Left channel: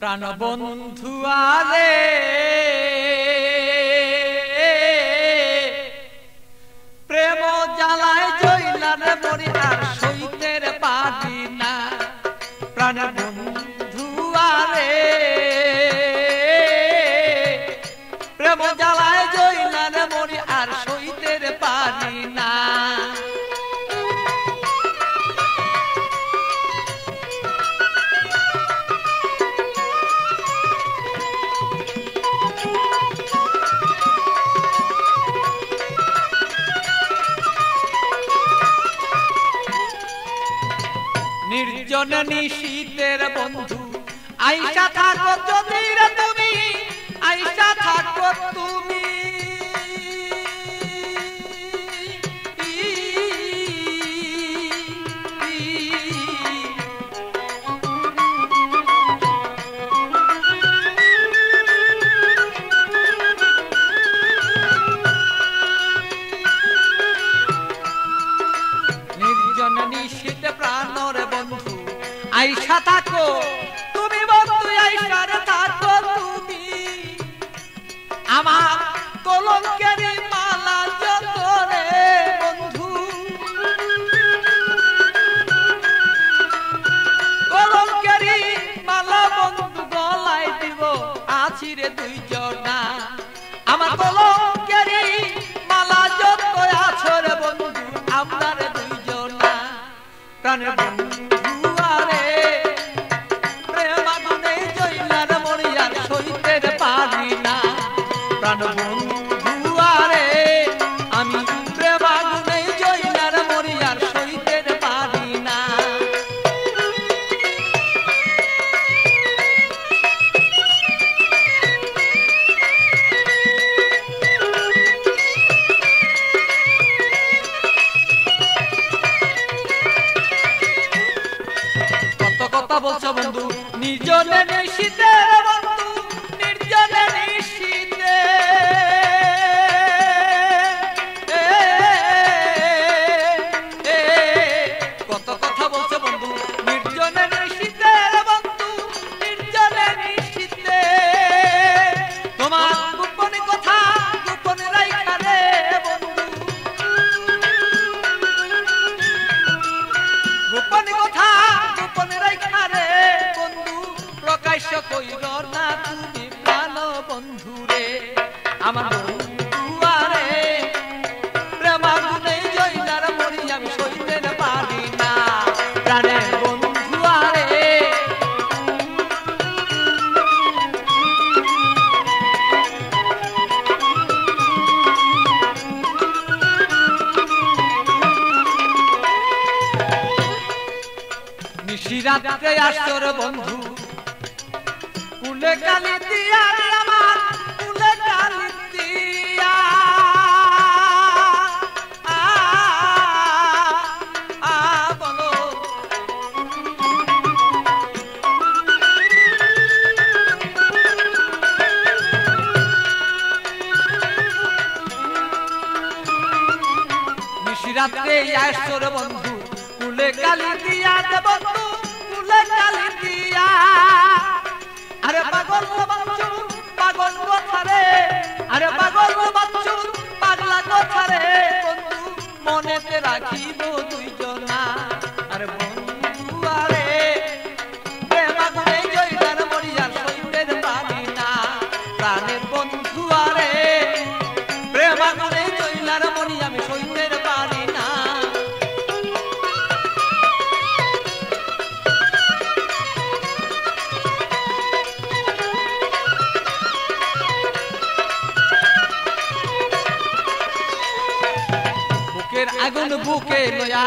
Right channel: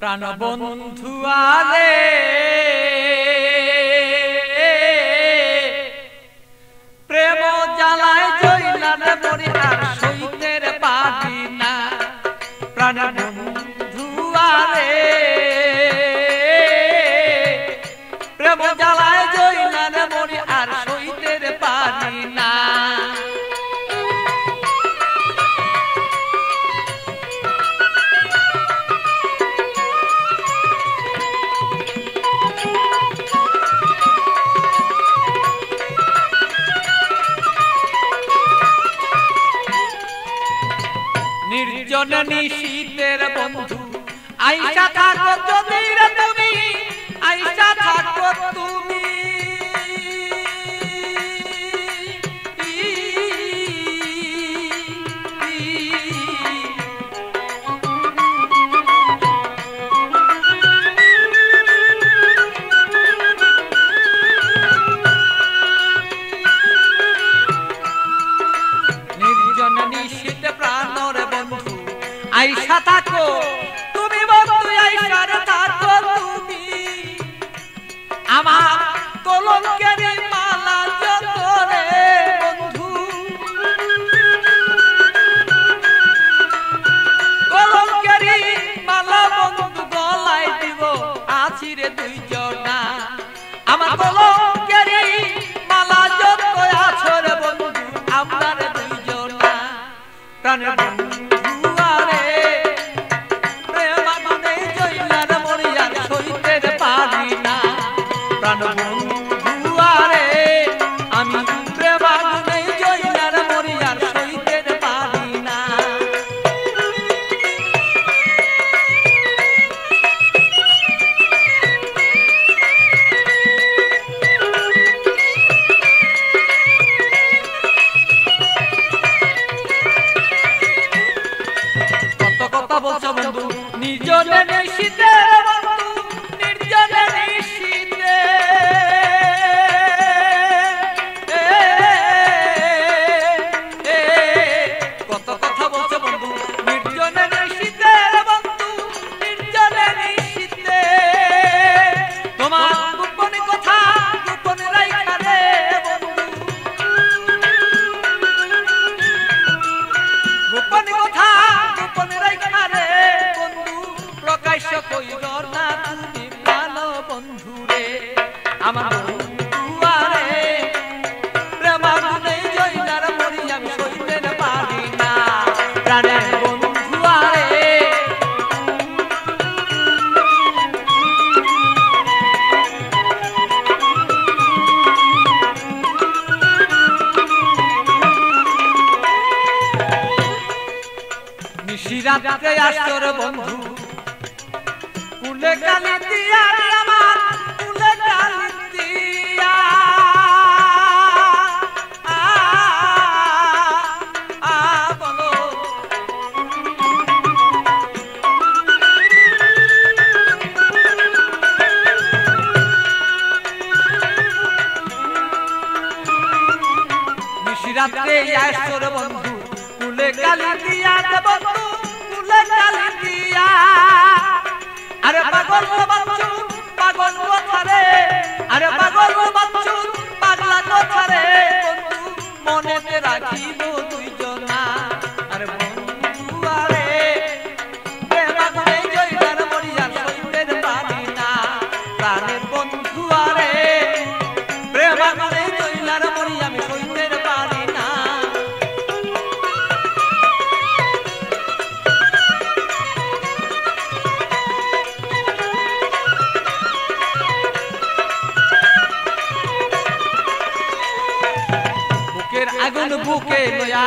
প্রাণ বন্ধু আরে প্রেম জ্বালায় জইলার মরি আর সইতের পারি না। প্রাণ বন্ধু আরে প্রেম জ্বালায় জইলার মরি আর সইতের পারি না। নির্জন নিশীতের বন্ধু আইসা থাকো যদি রে তুমি, আইসা থাকো তুমি। নির্জন নিশীত প্রাণর বন্ধু আইসা থাকো তুমি, বন্ধু আইসা থাকো তুমি। আমার কলঙ্কের মালা যত রে বন্ধু, কলঙ্কের মালা বন্ধু গলায় দিব আছি রে দুইজনা। আমার কলঙ্কের মালা যত আছো রে বন্ধু আমরা রে দুইজনা। প্রাণ বন্ধু আরে প্রেম আগুনে জইলার মরি আর সইতে পারি না। প্রাণ বন্ধু আরে আমি প্রেম আগুনে জইলার মরি আর সইতে পারি না। কত কথা বলছো বন্ধু নির্জনে নিশীতে বন্ধু, নির্জনে নিশীতে। কত কথা বলছো বন্ধু নির্জনে নিশীতে বন্ধু, নির্জনে নিশীতে। তোমার গোপন কথা গোপন রাইখা রে বন্ধু, গোপন কথা গোপন রাইখা রে বন্ধু। প্রকাশ্য কইর না তুমি প্রাণ বন্ধু রে। আমার বন্ধু আরে প্রেম আগুনে জইলার মরি আমি সইতে পারি না। প্রাণের বন্ধু আরে নিশিরাতে আসর বন্ধু কুলে কালি দিয়া আমার কুলে কালি দিয়া। বলো নিশিরাতে আসর বন্ধু কুলে কালি দিয়া বন্ধু, কুলে কালি দিয়া। আরে পাগল বাচ্চু পাগল কথা রে, আরে পাগল বাচ্চু পাগলা কথা রে বন্ধু মনেতে রাখিব দুইজনা। আরে বন্ধু আরে প্রেম আগুনে জইলার মরি আর সইতে পারি না। প্রাণের বন্ধু আরে প্রেম আগুনে জইলার মরি আমি সইতে পারি না। বুকের আগুন বুকে লয়া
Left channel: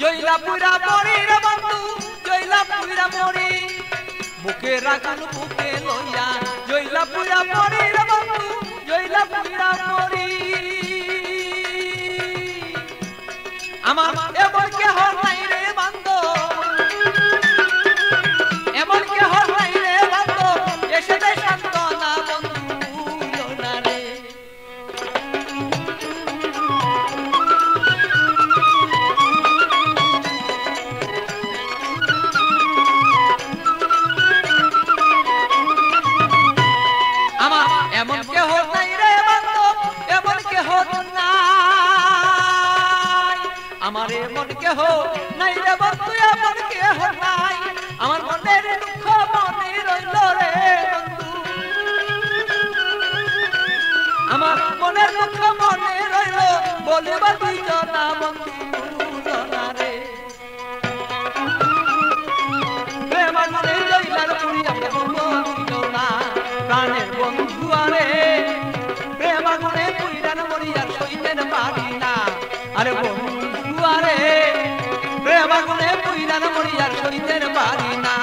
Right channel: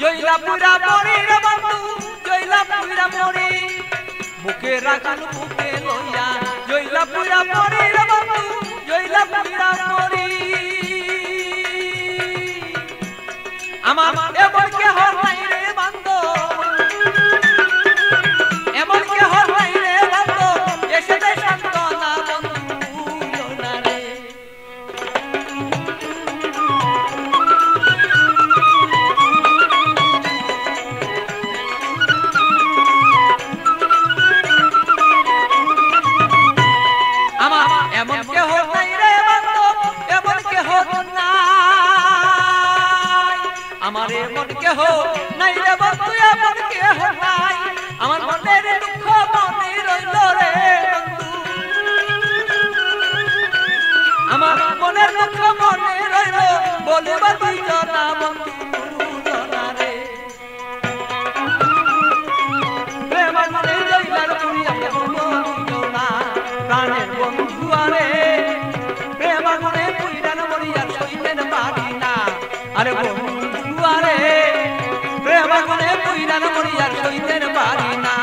জইলা পুরা মরি রে বন্ধু, জইলা পুরা মরি। বুকের আগুন বুকে লয়া জইলা পুরা মরি রে বন্ধু, জইলা পুরা মরি। আমার এমন কেহ নাই রে বন্ধু, এমন কেহ নাই রে বন্ধু এসে দে সান্ত্বনা বন্ধু না রে। আমারে মন কেহ নাই রে বন্ধু এমন কেহ নাই আমার মনের দুঃখ মনে রইল রে বন্ধু আমার মনের দুঃখ মনে রইল বলিবা দুইজনা বন্ধু জনা রে প্রেম মনে রইলার পুরিয়া বন্ধু দুইজনা প্রাণের বন্ধু আরে প্রেম মনে পুইরান মরিয়া সইতেন পারি না আরে বন্ধু আরে প্রেম মনে পুইরান মরিয়া সইতেন পারি না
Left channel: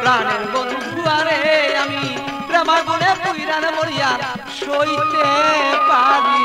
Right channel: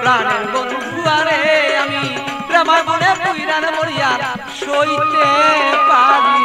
প্রাণের বন্ধু আরে আমি প্রেম মনে পুইরান মরিয়া সইতে পারি